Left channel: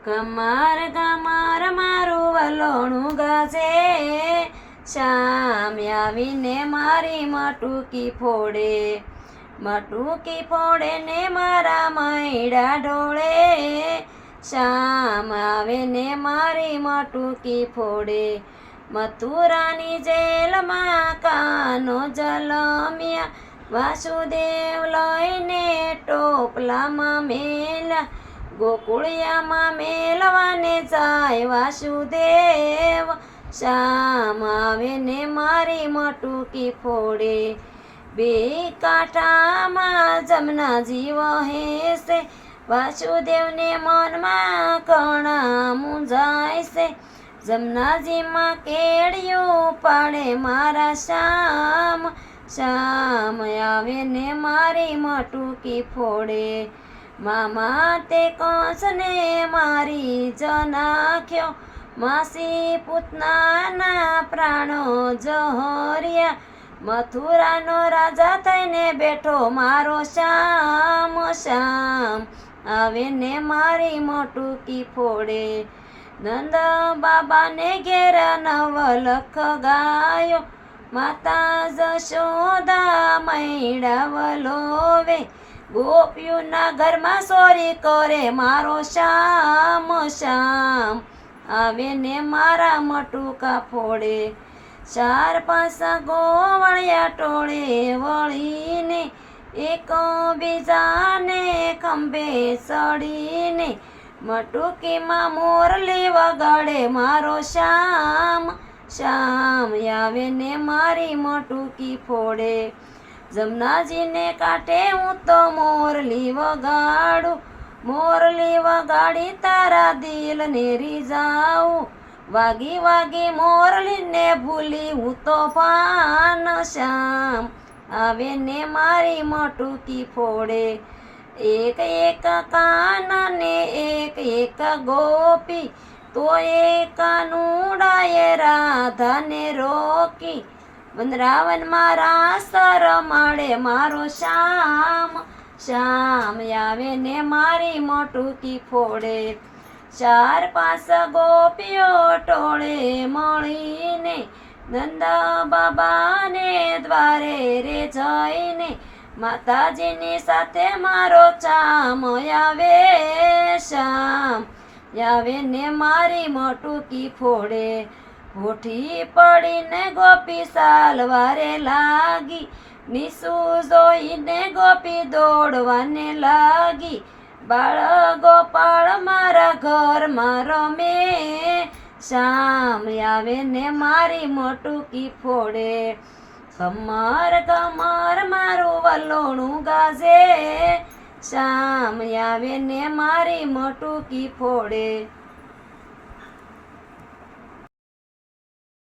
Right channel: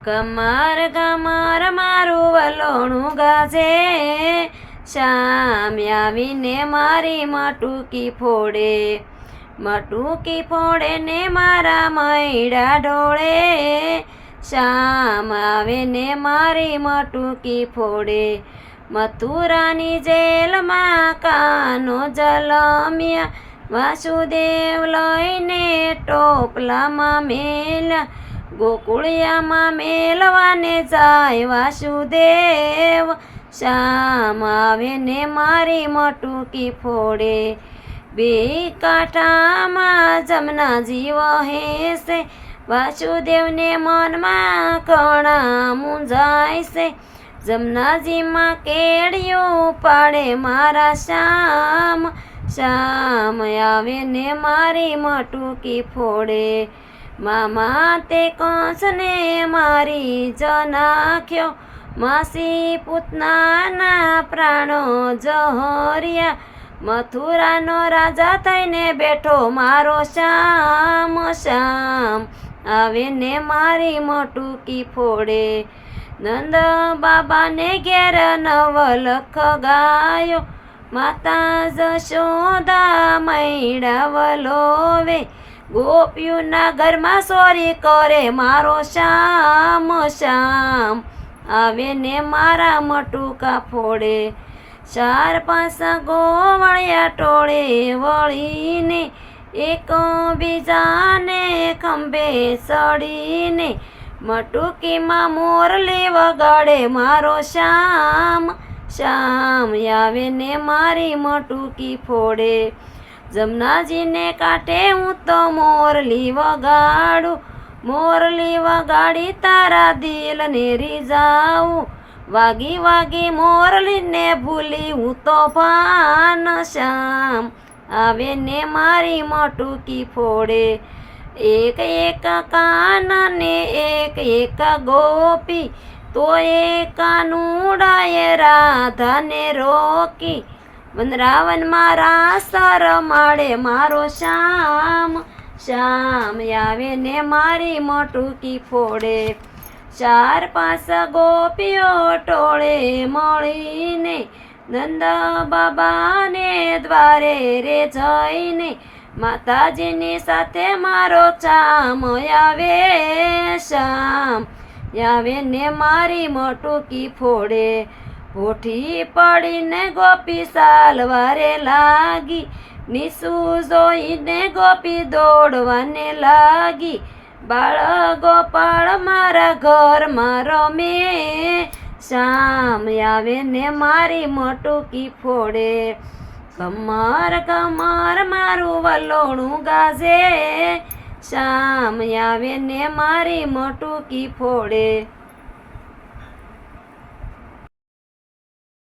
કમર કમર મારું વલોણું ગાજે, શ્યામ આવીને મારી મટુકી ફોડે. મટુકી ફોડે ને મારા મૈડા ઢોળે, શ્યામ આવીને મારી મટુકી ફોડે. મથુરાની જેલમાં કાનો જલમ્યા, વાસુદેવ લઈને ટોપલામાં મેલ્યા. ગોકુળિયામાં મેલવાને જાય વાસુદેવ, શ્યામ આવે ને મારી મટુકી ફોડે. બે કાંઠામાં જમનાજી વહે છે, વાસુદેવને મનમાં કણા મૂંઝાય છે. જમનાજીમાં કેડિયું પાડે મારા શ્યામ, શ્યામ આવે ને મારી મટુકી ફોડે. મામા તે કંસને મારી જ નાખ્યો, માસી પૂતનાના પ્રાણો જહર્યા. મથુરાનો રાજા થઈને બેઠો મારો શ્યામ, શ્યામ આવે ને મારી મટુકી ફોડે. નંદ બાબાને ઘેર નવલખ ગાયો, માતા જશોદા મૈડા વલોવે. ગોપીઓના ઘરમાં સોરી કરે મારો શ્યામ, શ્યામ આવે ને મારા મટુકા ફોડે. 4-5 ગોવળિયા ટોળે વળીને, એક બીજાને ખંભે ચડીને, મટુકીમાં મોરલી વગાડે મારો શ્યામ, શ્યામ આવે ને મારી મટુકી ફોડે. જમનાજીને કાંઠે હું તો મોરલી વગાડું, મોરલી વગાડી તારા દિલને રીઝાવું. વાગી વાગી મોરલીને ભૂલી હું તો ભાન, શ્યામ આવે ને મારી મટુકી ફોડે. એક એક કાન ને એક એક ગોપી, તો એ કાનુડાએ રાધાને રોકી. વનરાવનમાં રાસ રમાડે મારો શ્યામ, શ્યામ આવે ને મારી મટુકી ફોડે. 4-5 ગોપીઓ ટોળે મળીને, નંદ બાબાને દ્વારે રે જઈને, માતાજીની સાથે મારો ચામ આવે, શ્યામ આવે ને મારી મટુકી ફોડે. હોઠી પડીને ગોપી સાલવારે લાગી, નીસુ જોઈને ગોપી દોડવાને લાગી. બાળ ગોપાળ મારા ઘરમાં રમે, શ્યામ આવે ને મારી મટુકી ફોડે. કમર કમર મારું વલોણું ગાજે, શ્યામ આવે ને મારી મટુકી ફોડે.